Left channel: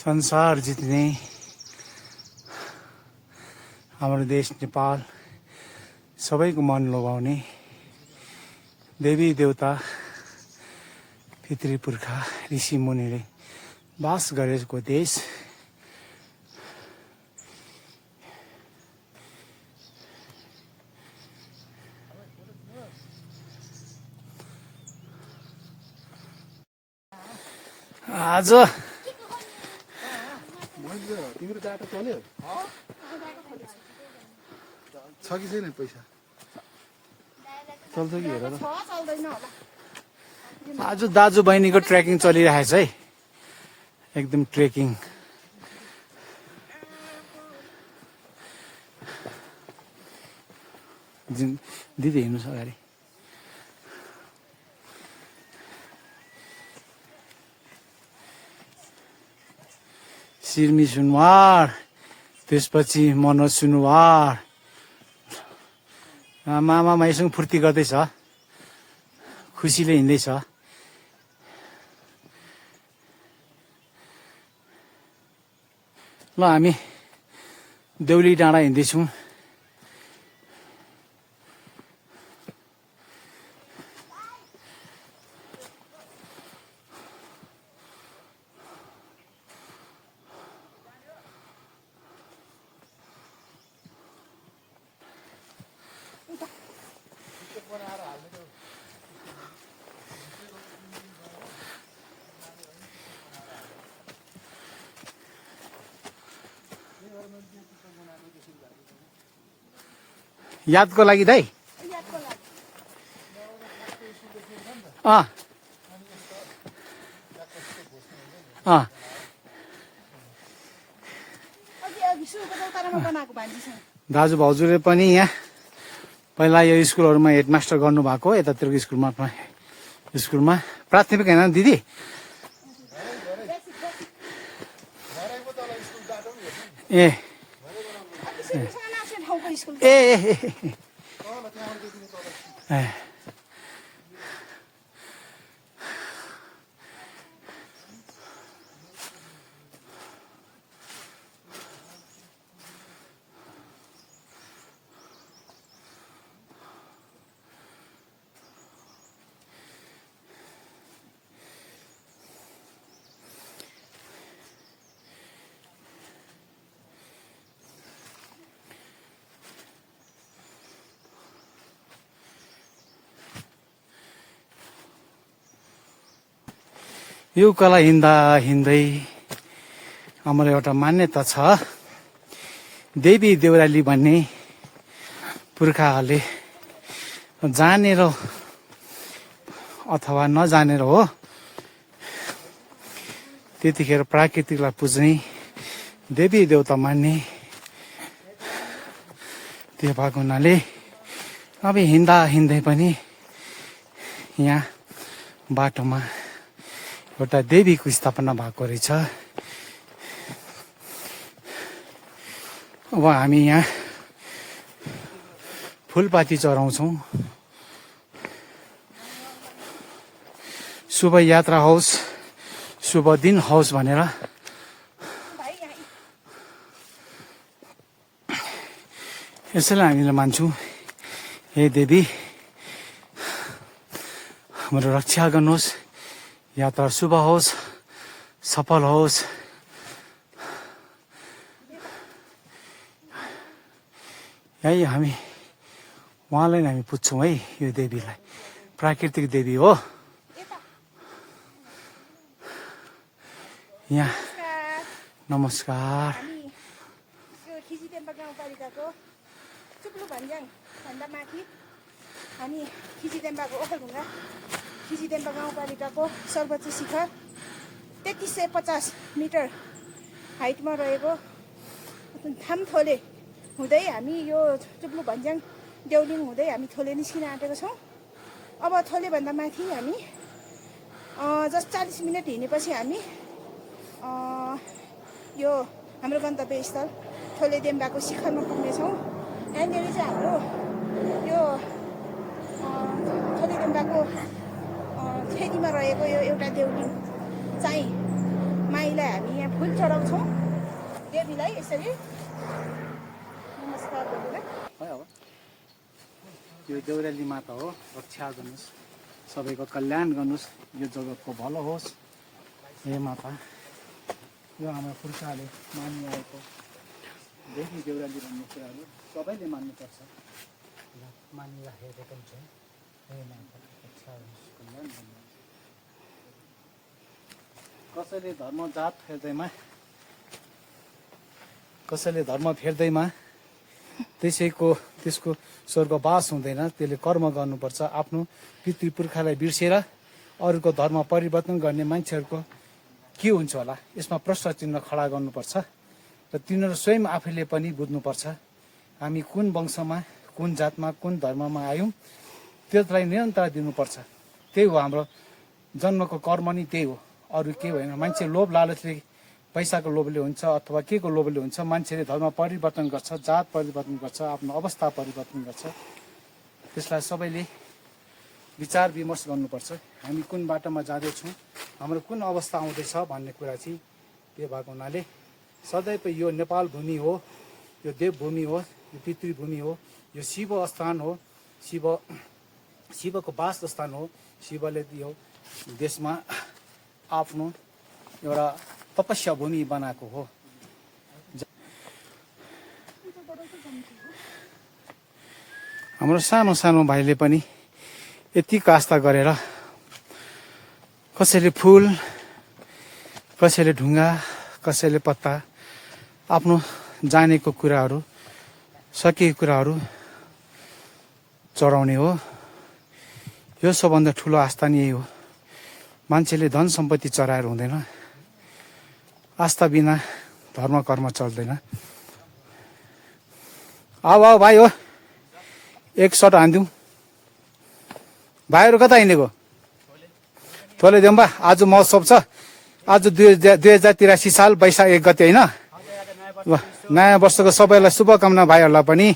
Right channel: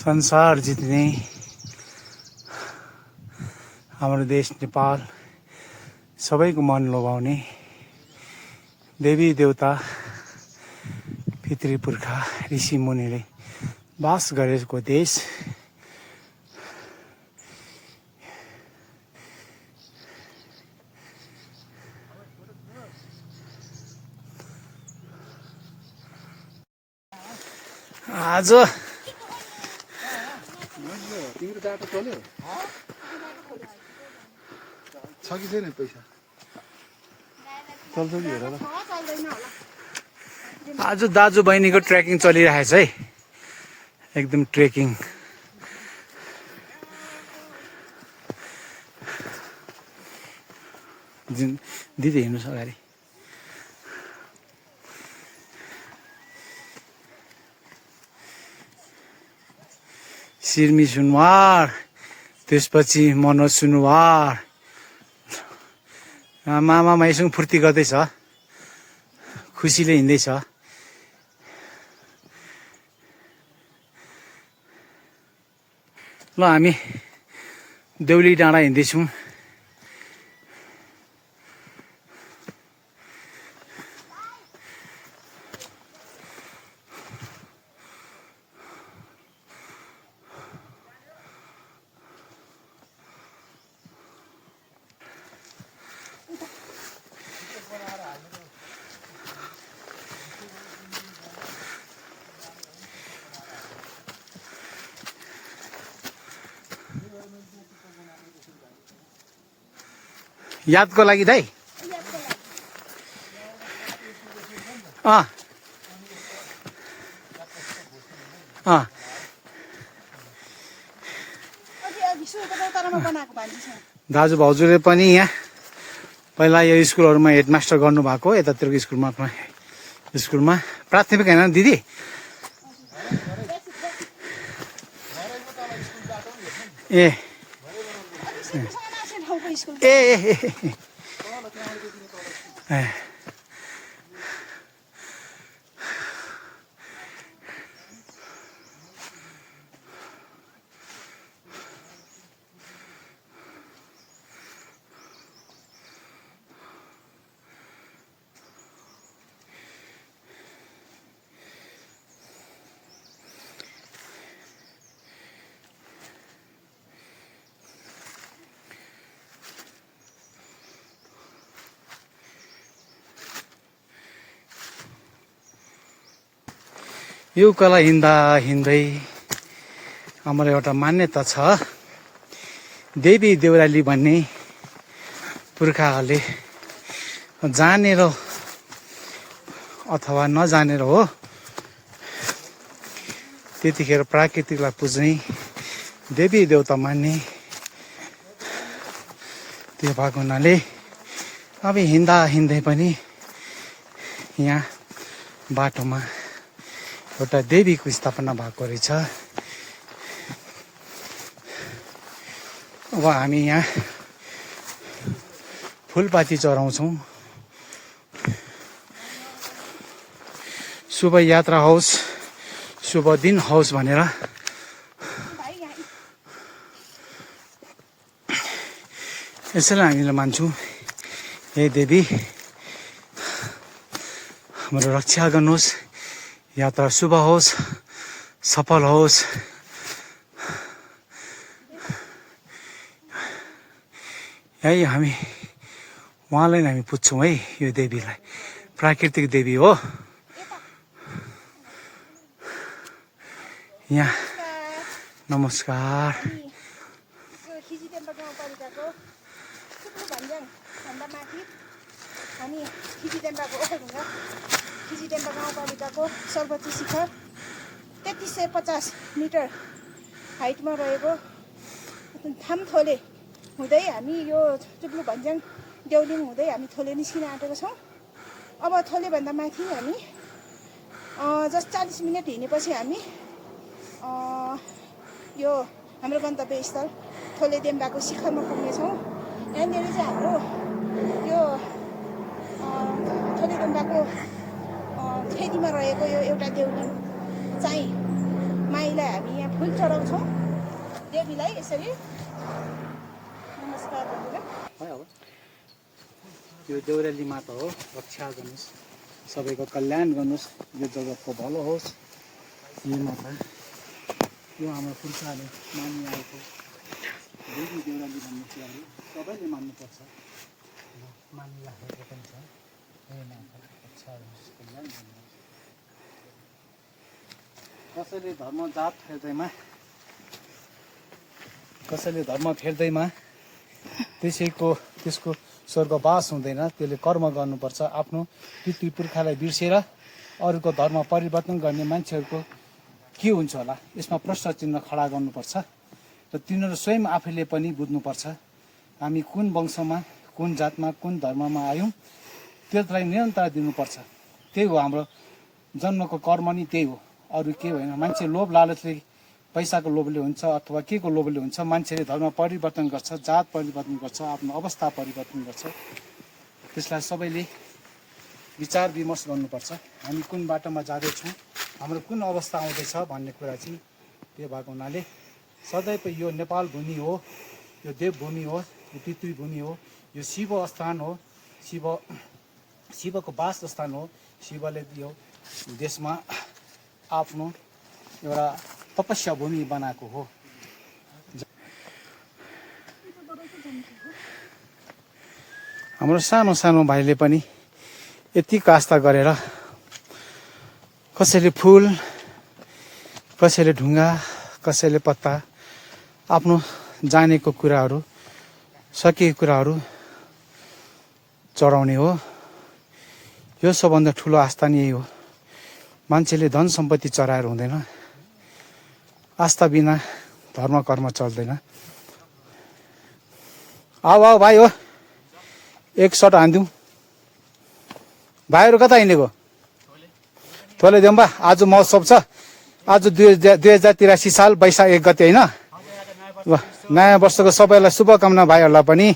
संसार जित्ने हाम्रो देश नेपाल सबैको मन लोभाउने देवी देवता पितृ पुर्खा ऋषि मुनिले बास गरेको देश। आज तिम्रो बाटो चल्यो छ कि छैन पैसा चल्छ कि हेर ल। आज दाजु बहिनीको ट्रेकिङ चलिरहेछ है, एकदम ट्रेकिङ। दिदी हिँड्नुहोस् अगाडि। सिर्मी सुनवार, त्यसपछि मनोज सुनवार। मामा माइसँग फुर्ती गर्दैछ, खुसीले हिँड्दैछ। ल हामी देउली डाँडा हिँड्दैछौँ। यादको लागि दाइ। दाजु भाउजूले पनि यहाँ पहिला यो स्कुलहरूमा हेडमास्टर गर्नुभएको, यतातिरको स्कुलमा प्राथमिक होइन दिदी? ए ए ए यो उकालो हिँड्दा हिँड्दै हाम्रो एउटा मान्यता छ, देवी देउराली भन्ने पुर्खाहरूले जानेर अथवा नजानेर हो त्यतिखेर प्राकृतिकलाई पुज्ने, देवी देवता मान्ने त्यो भएको हुनाले अब हिँड्दा हिँड्दै पनि यहाँ बाटोमा एउटा देवीको स्थापना भएको रहेछ। अब हामी यहाँ फुलपाती चढाउँछौँ। शुभ यात्रा होस्, शुभ दिन होस् भनेर यसैलाई हामीले मान्छौँ। हे देवी हाम्रो रक्षा गर्नुहोस्, यात्रा शुभ होस्, सफल होस्। यही हामी उहाँलाई हामी पुज्छौँ है, यो देवीलाई। प्राकृतिक देवी हो। यहाँ नमस्कार। हामी खिचिडेन्डा गाउँपालिकाको सर्वोच्च शिखर 3350 मिटर हाइटमा रहेको थामथोले हुँदै हामी यो चुप्लु भन्ज्याङ देउलिङ हुँदै हामी थोले निस्किन आँटेको छौँ। अब थोलेभन्दा माथि हामी जस्ट 40 मिनट हिँडेपछि हामी यो हाम्रो गन्तव्य स्थल थोलेदेम्बाको शिखरमा पुग्नेछौँ। यहाँनिर चाहिँ हाम्रो यो थोलेदेम्बाको फेदीमा रहेको यो एउटा देउली चाहिँ माईलाई हामी यहाँ फुल चढाउँछौँ। देवीलाई यसरी नमस्कार गरेर यो देउराली माता हो, रक्षा गर्नुहोस्, सबैको कल्याण गर्नुहोस्, यो जगतको भलो होस्। हे माता, यो हाम्रो पुर्खाले मानिआएको देवी देउराली भन्ने कुराहरू सबैले मान्नुपर्छ, मानिराखेको पनि छ। हे माता, रक्षा गर्नुहोस्, कल्याण गर्नुहोस्। कसैले धर्म फेर्दैमा त्यसको स्वर्गवास हुँदैन। त्यसले कर्म गर्नुपर्छ। आफ्नो पितृपुर्खालाई बिर्सेर अरूको धर्म परिवर्तन गर्ने मान्छेहरूको के हुन्छ होला, यसमा प्रश्न चिन्ह खडा गर्नुपर्छ र तिनीहरू स्वयं आफैले पनि बुझ्नुपर्छ हामी कुन वंशमा, कुन जातमा, कुन धर्ममा आयौँ, त्यसलाई निरन्तर दिनुपर्छ। त्यही हो हाम्रो जन्मको कर्म नि त्यही हो, अरू के होइन। मान्छे लोभ लालचले, पैसाको लोभले हुन्छ अथवा के को लोभले हुन्छ, मान्छेले धर्म परिवर्तन गर्छ, जात परिवर्तन गर्छ, आफ्नो अवस्था परिवर्तन गर्छ। त्यसलाई सबैले विचार विमर्श गर्नुपर्छ। हामी कुन बाटोमा जाँदैछौँ, हाम्रो कुन अवस्था आउँदैछ भन्ने कुरा चाहिँ त्यो भएको हुनाले सदैव यो नेपाल भूमि हो, यो देवभूमि हो, यो पितृभूमि हो, यो शिव स्थान हो, शिवको वास स्थान हो। शिवले यो देशमा आफ्नो एउटा तपस्या भूमि बनाएको हो। हाम्रो सानो सानो भाइले पनि यति आस्था गरेर कसैले फुल, कसैले ढुङ्गा, कसैले पत्ता, आफ्नो जानेको कुराहरू, सकिएको कुराहरू चढाउने हो। यो सबभन्दा ठुलो आस्था नि यही हो। मान्छेले धन सम्पत्ति चढाएर हुँदैन, आस्था बिना धर्म कर्म चल्दैन। आऊ भाइ हो, एक सर्ट हानिदिउँ। भाइहरू कता हिँडेको? थोलेदेम्बा। आज महोत्सव छ। आज 2083 साल वैशाख 1 गते होइन? नयाँ वर्षको सबैलाई शुभकामना। भाइहरूलाई पनि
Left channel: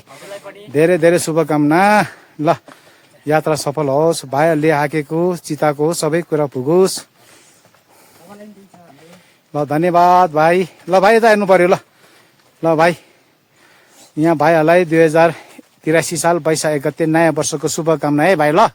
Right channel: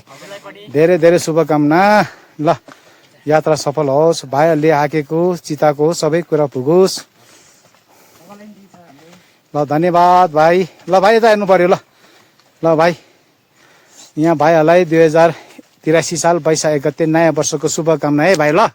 धेरै धेरै शुभकामना। ल, यात्रा सफल होस्। भाइहरूले हाकेको चिताको सबै कुरा पुगोस्। ल, धन्यवाद भाइ। ल भाइ, यता हेर्नु पर्यो। ल भाइ, यहाँ भाइहरूलाई 2083 साल वैशाख 1 गते नयाँ वर्षको शुभकामना है भाइ। ल,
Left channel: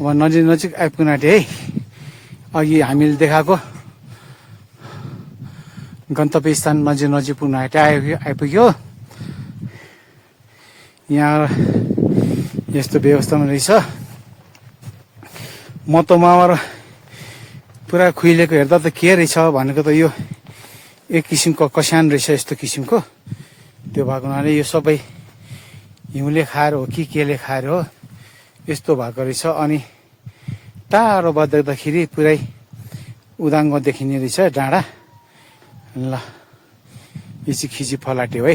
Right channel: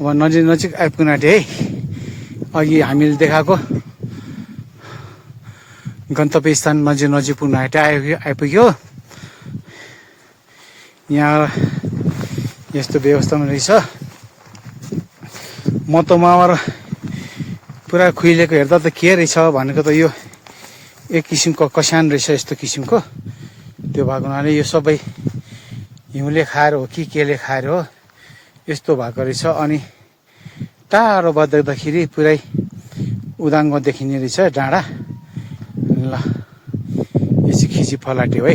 अब नजिक आइपुग्न आँटे है। अघि हामीले देखाएको गन्तव्य स्थान नजिक पुग्न आइपुग्यो। यहाँ यस्तो व्यवस्थामा रहेछ। म त मावर पुरा खुइलेको हेर्दा त के रहेछ भनेको त यो एक किसिमको कस्यान रहेछ, यस्तो किसिमको। त्यो भएको हुनाले यो सबै हिउँले खाएर हो कि केले खाएर हो, यस्तो भएको रहेछ। अनि टाढोबाट देख्दाखेरि पुरै उदाङ्गो देखिने रहेछ डाँडा। ल, यो चाहिँ खिची फलाट्यो है।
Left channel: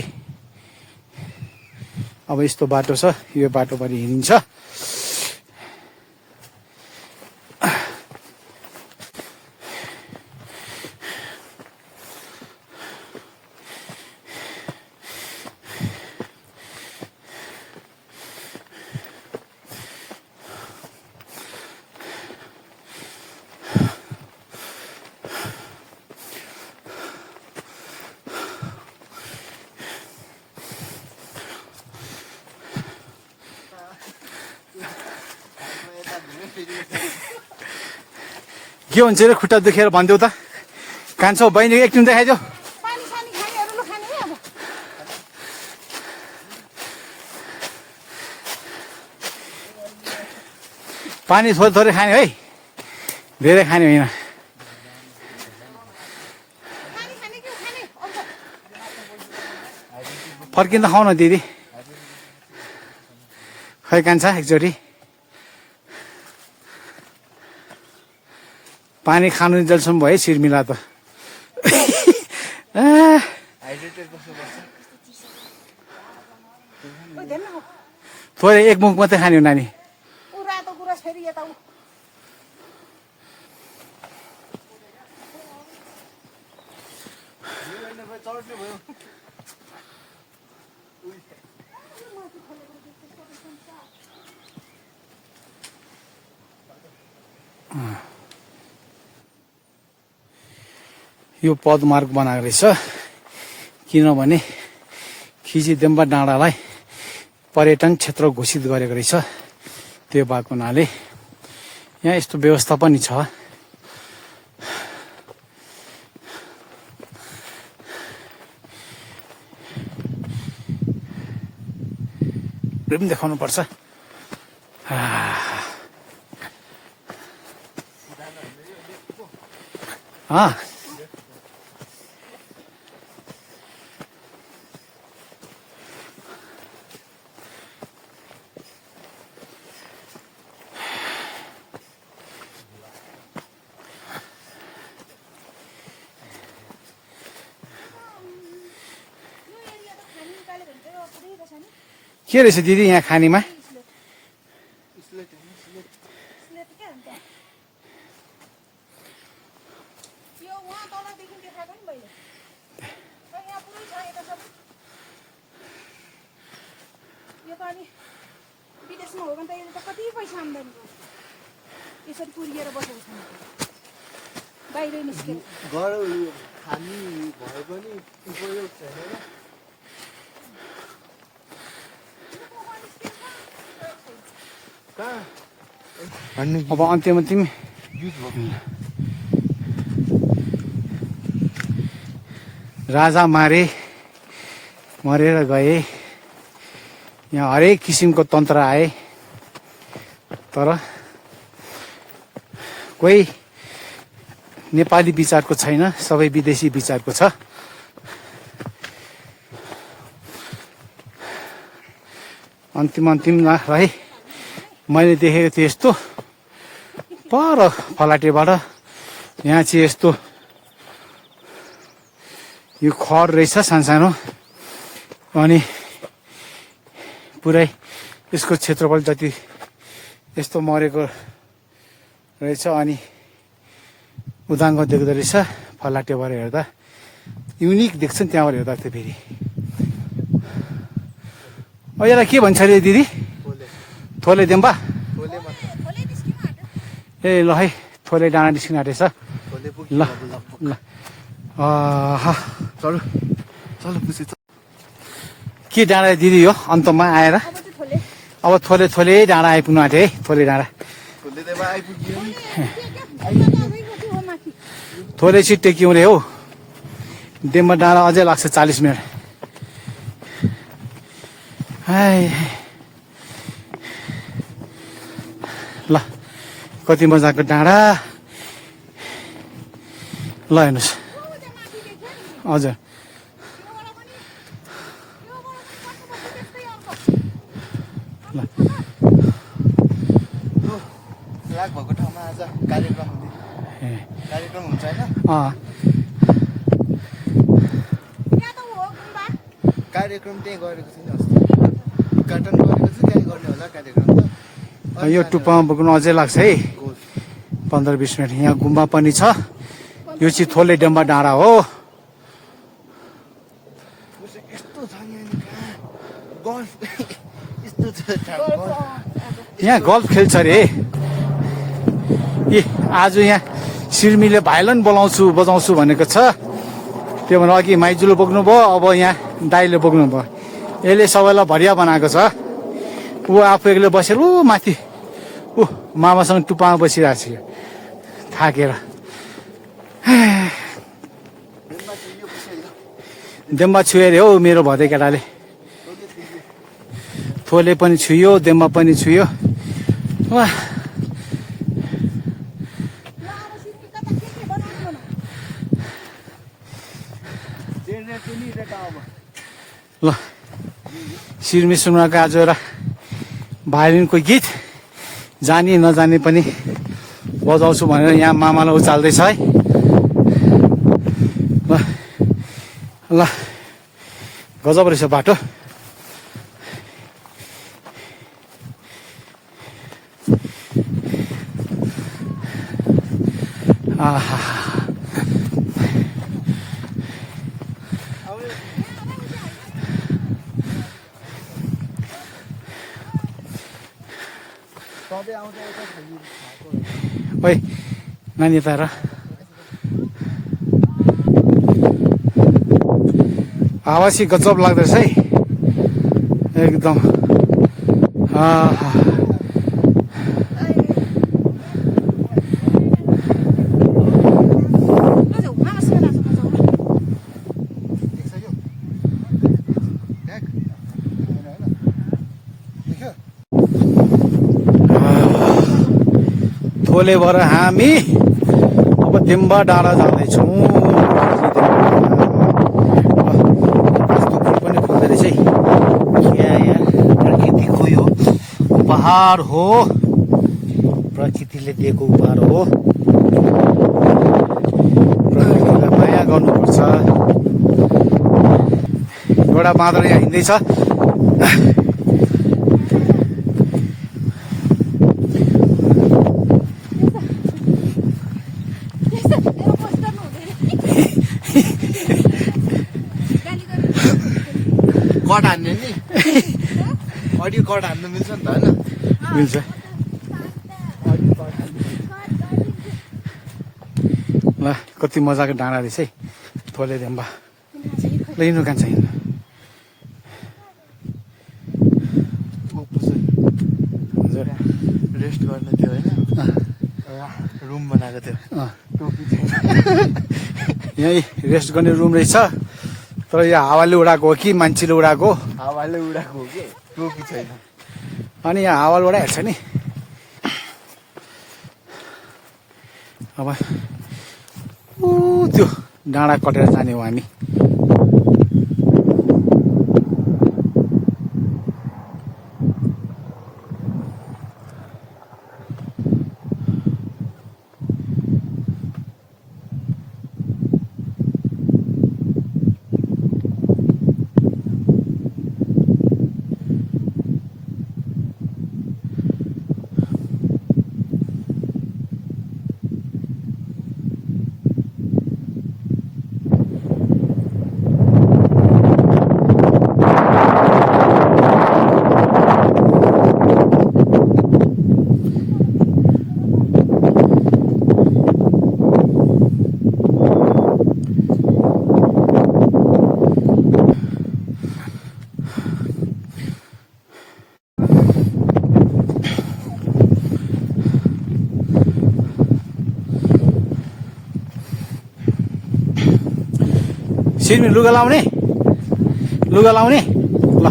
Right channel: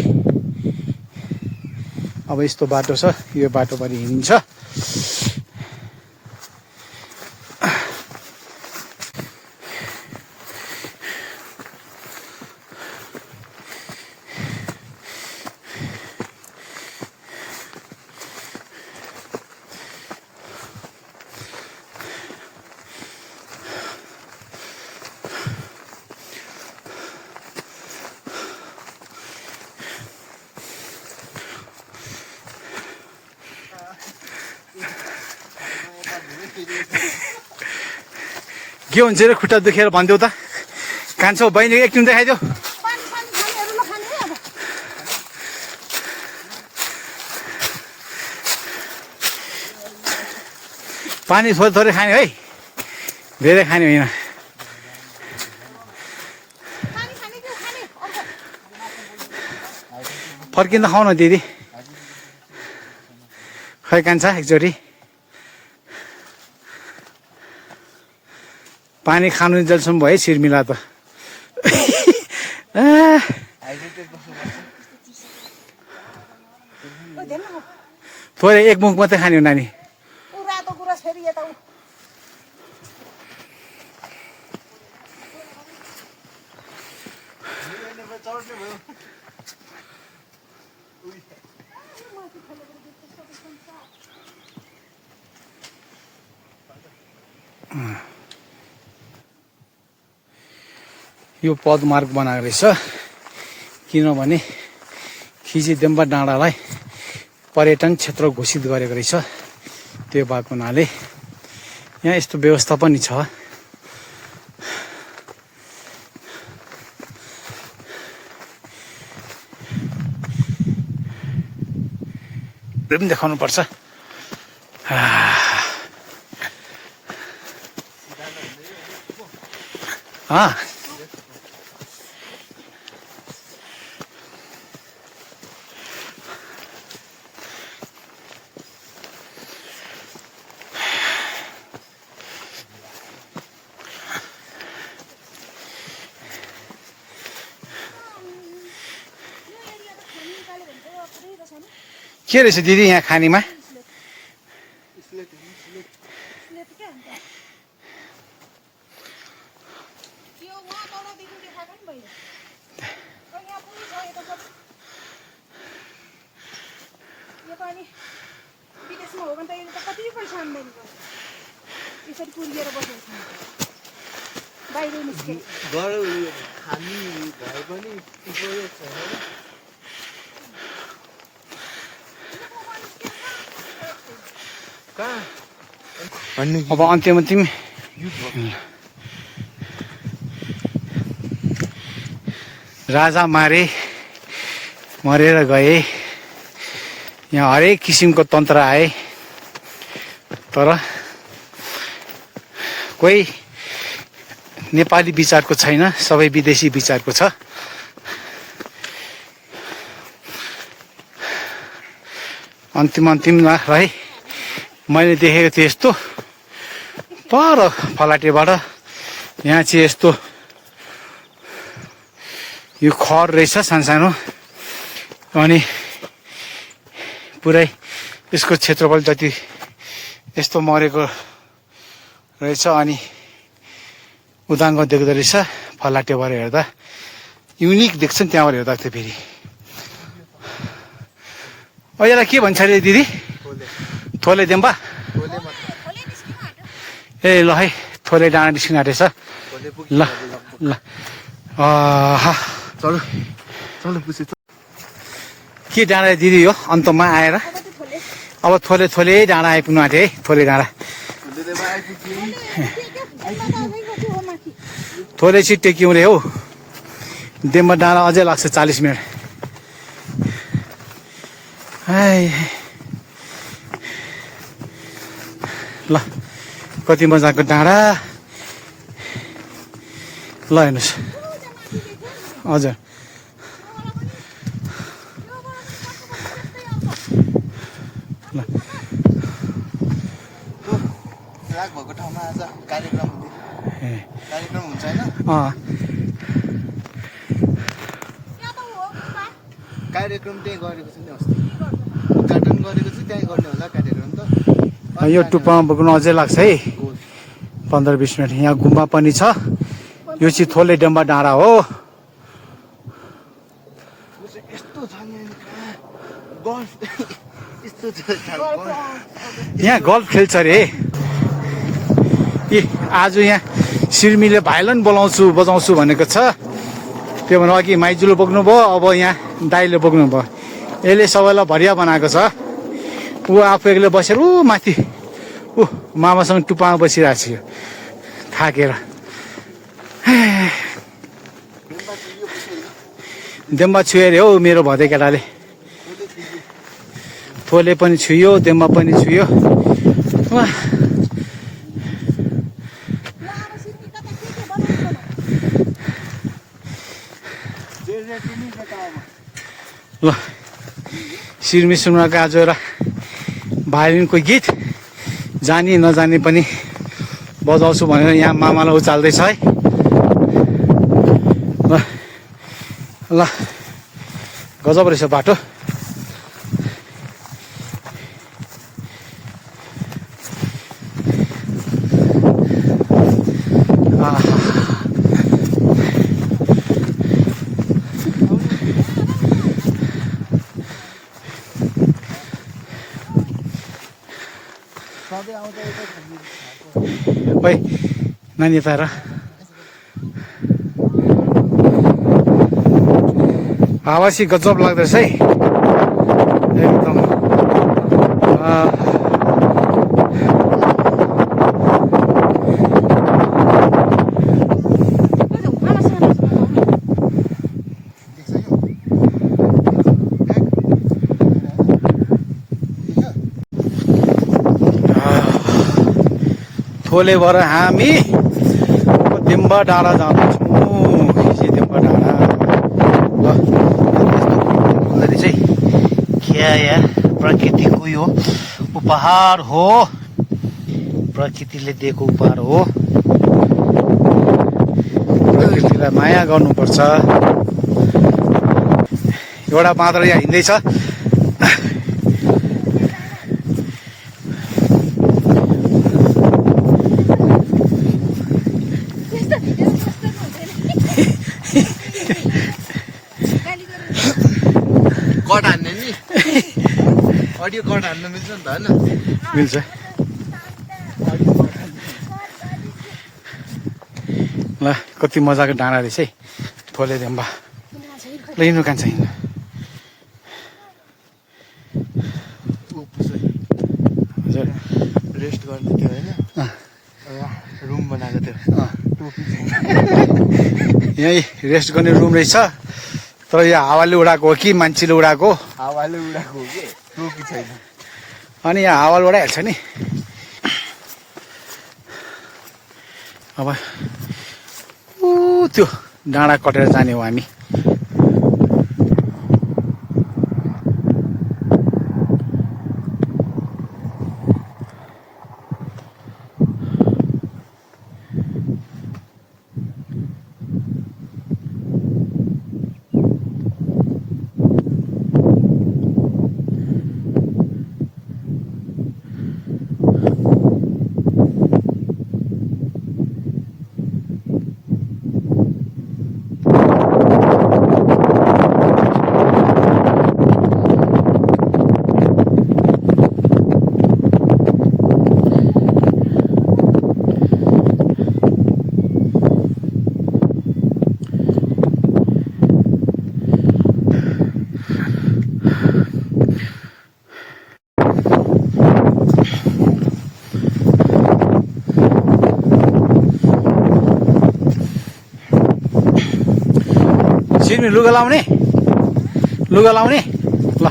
अब यस्तो बाटो छ, यो बाटोभरि हिँडिन्छ। के हुन्छ रे खुट्टा दुखेर भनिदेऊ त कान्छौ बहिनी एकदिन देखाइदेऊ पानी सानी खानेहरू नखाने है अब पानी थोरै थोरै खाने है धेरै खाने होइन पानी खाने कि खाने अर्को फर्किँदा खाऊ न दिदी खै कान्छ एकचोटि पानी खानु जलसम्म भयो सिरमिला त थोरै एक मुख मात्रै खाने हो नानी ऊ रातो गुराँस फेरि यता ऊ यो पदमार्ग बनाएको रहेछ किनभने खिचिदेम्बा डाँडालाई पर्यटन क्षेत्र घोषित गरेको रहेछ त्यो बाटो हुनाले यहाँ यस्तो व्यवस्था पनि छ त्यो पनि देखाउनु पर्छ के रहेछ दिदी यहाँ खानीमा विदेशमा हो भने त यसले त कति पैसा आम्दानी गर्छ यसरी पुरिएर बसेको छ बाहिर निस्केर हामी भए पनि उपयोग छैन अब अन्त्यमा तिमी राजा मरेर गए यहाँ हरेक किसिमको तन्त्र आए तर कोही नेपाली विचारको छैन सबै विदेशी विचारको छ अन्तिममा रहे मैले देखेको थिएँ यस्तो पर फलाटेबाट यहाँ चाहिँ यस्तो यो खर रहेछ सानो अनि पुरै यसको क्षेत्रफल जति यस्तो मरेको रहेछ अनि उदाङ्ग देख्दो रहेछ फलाटेबाट हेर्दा युनिक देख्छ नि त्यहाँबाट हेर्दा त फेरि यसलाई के भन्छ अरे दिदी थोले देम्बा ए ल है थोले डाँडा निस्किन आँटेछ ल ल के डाँडा दिदी हो अन्तमा आएर अब थोले डाँडा आइपुग्नु आँटे है थोले डाँडा थोले चाहिँ टेक्यौँ रे हौ देम्बा डाँडा अझै लाग्छ 40 मिनट ल कति मजाको डाँडा ल हेर्नुहोस् हजुर ल फ्ल्याग भएको ठाउँमा आज कार्यक्रम हुन्छ होइन कार्यक्रम त्यही गरेको छ नि अस्ति उद्घाटन गरेको छ त्यही गर्ने होला कार्यक्रम त यो टुप्पामा बोक्नु अझै लाग्छ है 15-20 मिनट यहाँ गुम्बा पनि छ यो चाहिँ थोले डेम्बा डाँडा हो यहाँ गल्फ खेल्छ अरे ए आज यहाँ सिर्मीले भाइलन बजाउँछु भनेको छ त्यो भने अघि माइजूले बोक्नु भयो अब यहाँ दाइले बोक्नु भयो यसले सबैलाई भरिया बनाएको छ ऊ आफू एक्लै बसेर ऊ माथि मामासँग टुप्पामा बसिरहेको छु थाकेर। देम्बा छुयो अरे हौ मेरो भदै केटाले। थोले पनि छुयो, देम्बा पनि छुयो। वाह ल सिरमी सुनाको आज एउटा भायोलिनको गीत जानी नजानी पनि बजाउँछु भनेर यहाँ मामालाई उचाल्दैछ है। ल गजब रहेछ बाटो। ओइ नानी यता हेर। हावा चाहिँ गजब लाग्दैछ है एकदम। थोलेबाट हामी अब दिम्बा डाँडा जाँदैछौँ। क्या यार प्रकृतिको यो उपहार हो, प्रकृतिले दिएको उपहार हो। प्रकृतिलाई माया गर्नुपर्छ। एउटा बाँदर यहाँ हिँड्दैछ। कट हान्ने नि अडियो कट हान्नु मिल्छ नि त होइन? मिल्छ। ल कति मजाको डाँडा रहेछ है थोले देम्बा। ल हिँड्नु कान्छ हिँड्नु। हजुर रेस्ट गर्ने थियो होइन? रुम बनाएको थियो। यहीँ रेस्ट गर्ने रुम रहेछ। तर यो हावाले उडाएको हो कि मान्छेले उडाएको? हावाले उडाएको हो कि टोपी छैन। अनि यहाँ हावाले उडाइहाल्छ नि। अब त्यो डाँडा कटेर जाने हो हामी। सिर्मी लुगा लाउने ल।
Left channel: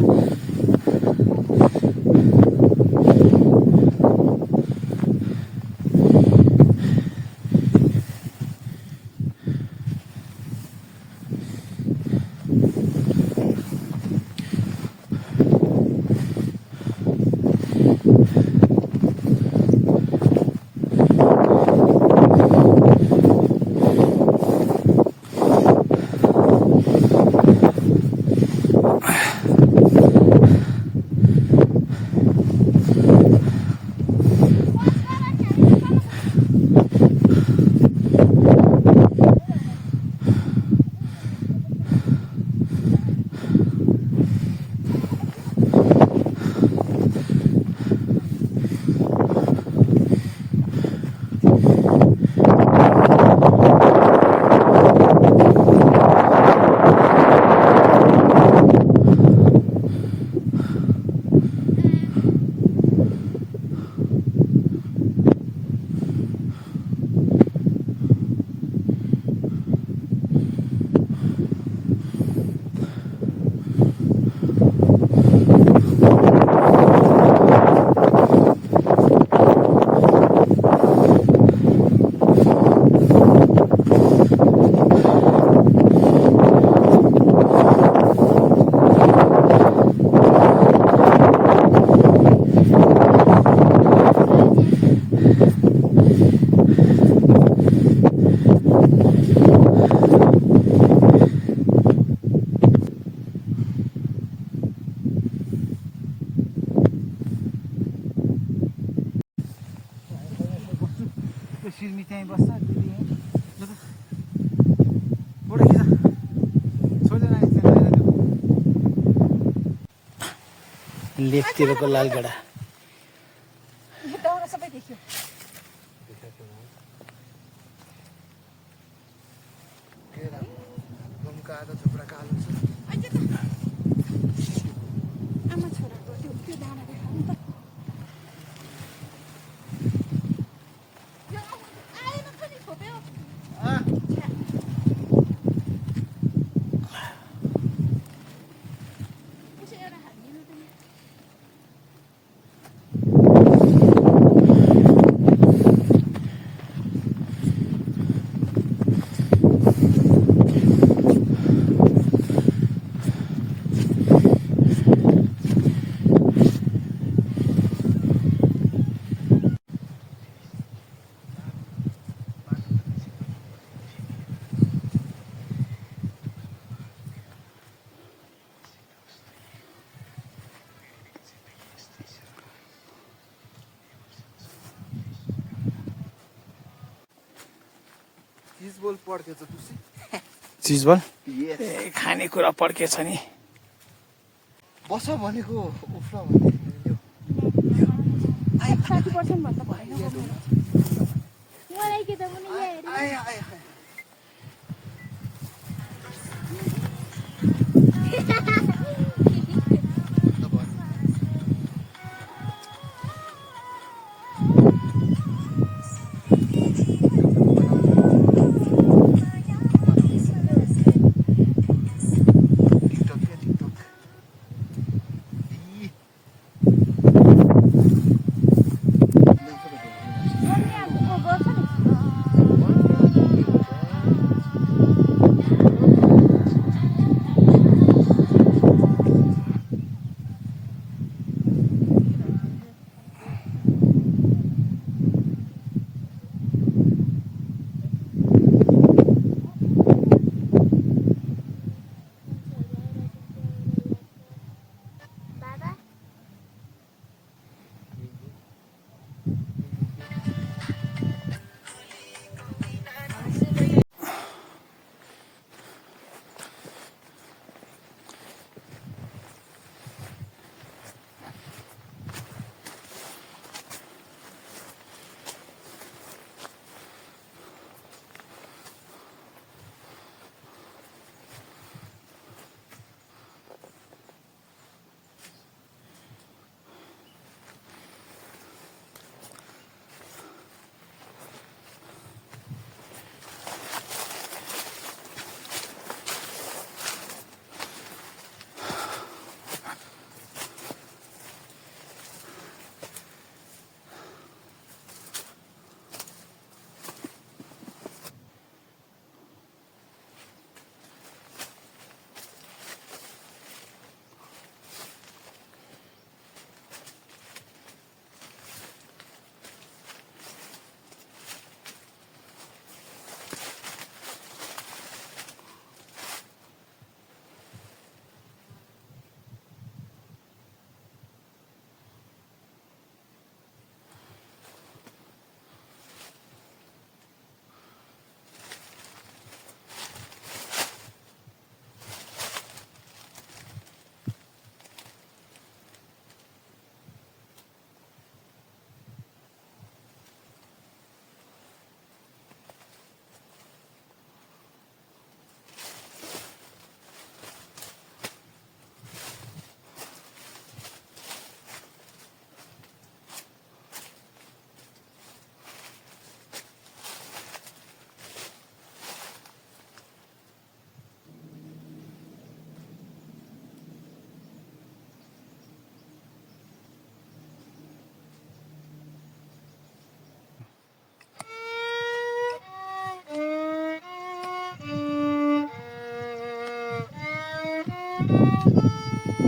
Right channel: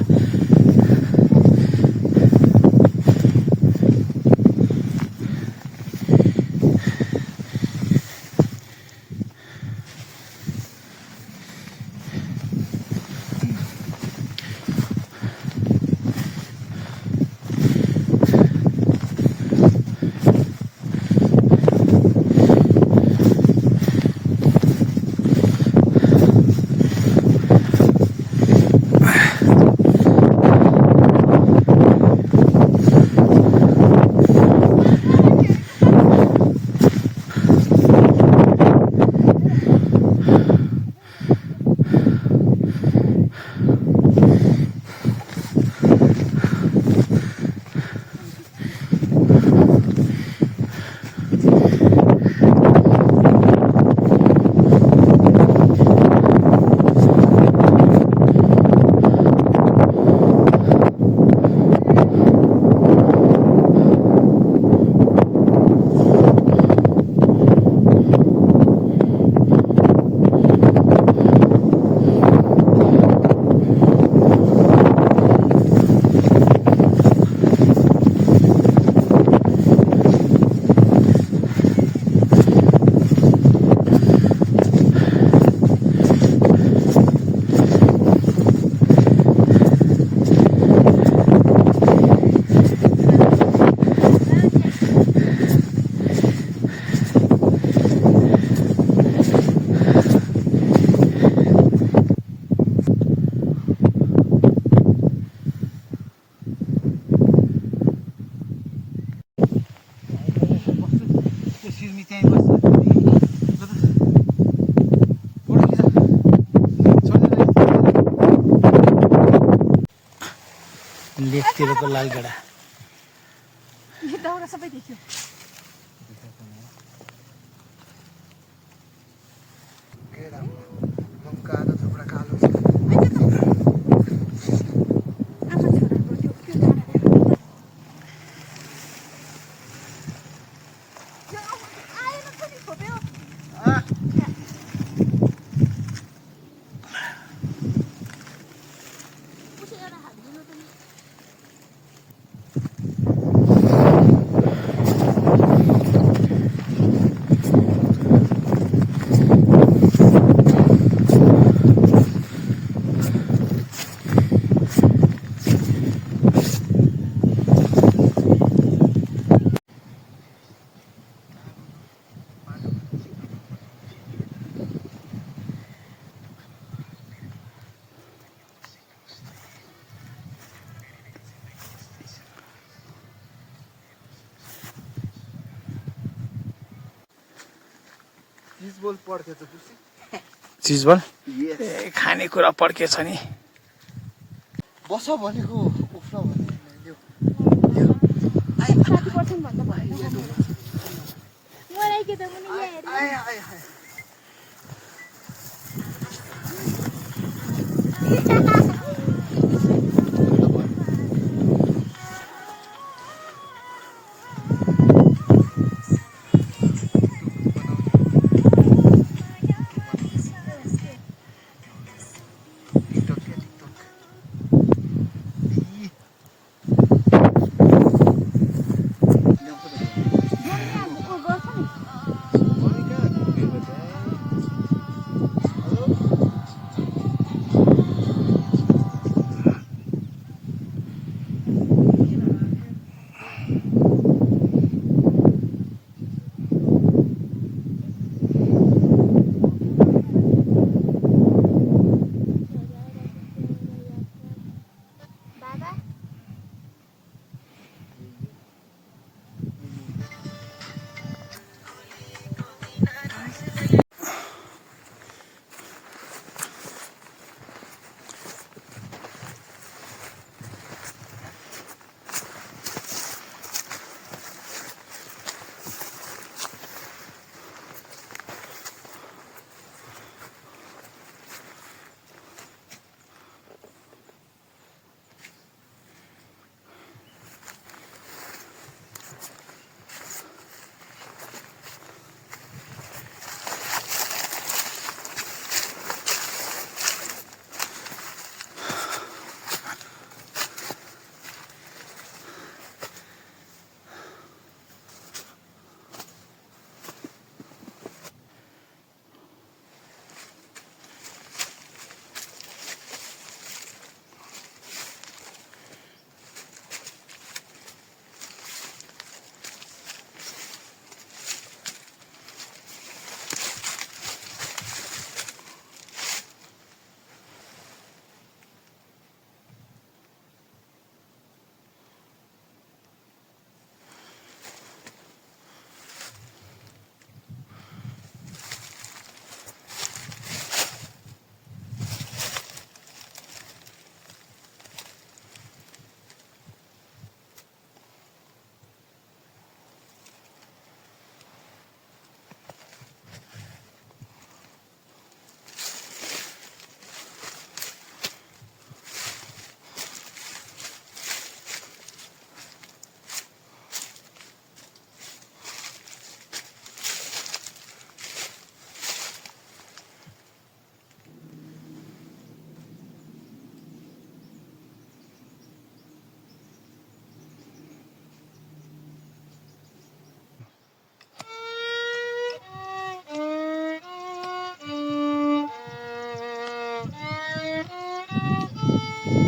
लेकतिरको लालगडा यो दाउरा सबै देखियो केरा मम कालो थुप्रा कालो छ अहिले त आमा छोराको त्यो डाँडा देख्यो यो आएन पनि खोप्यो उसले एउटा हात दिनु त नि चिज बोल पड्केछ खुसी चिजबल ए खानेकुरा पड्केछ नि बस भनेको उफ्र भने 30% भन्दा भएन मलाई के त मुनि यहाँ आए आए आए टिकटक के टिकटक ई ओ गर्छ नि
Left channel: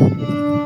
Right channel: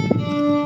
Thank you.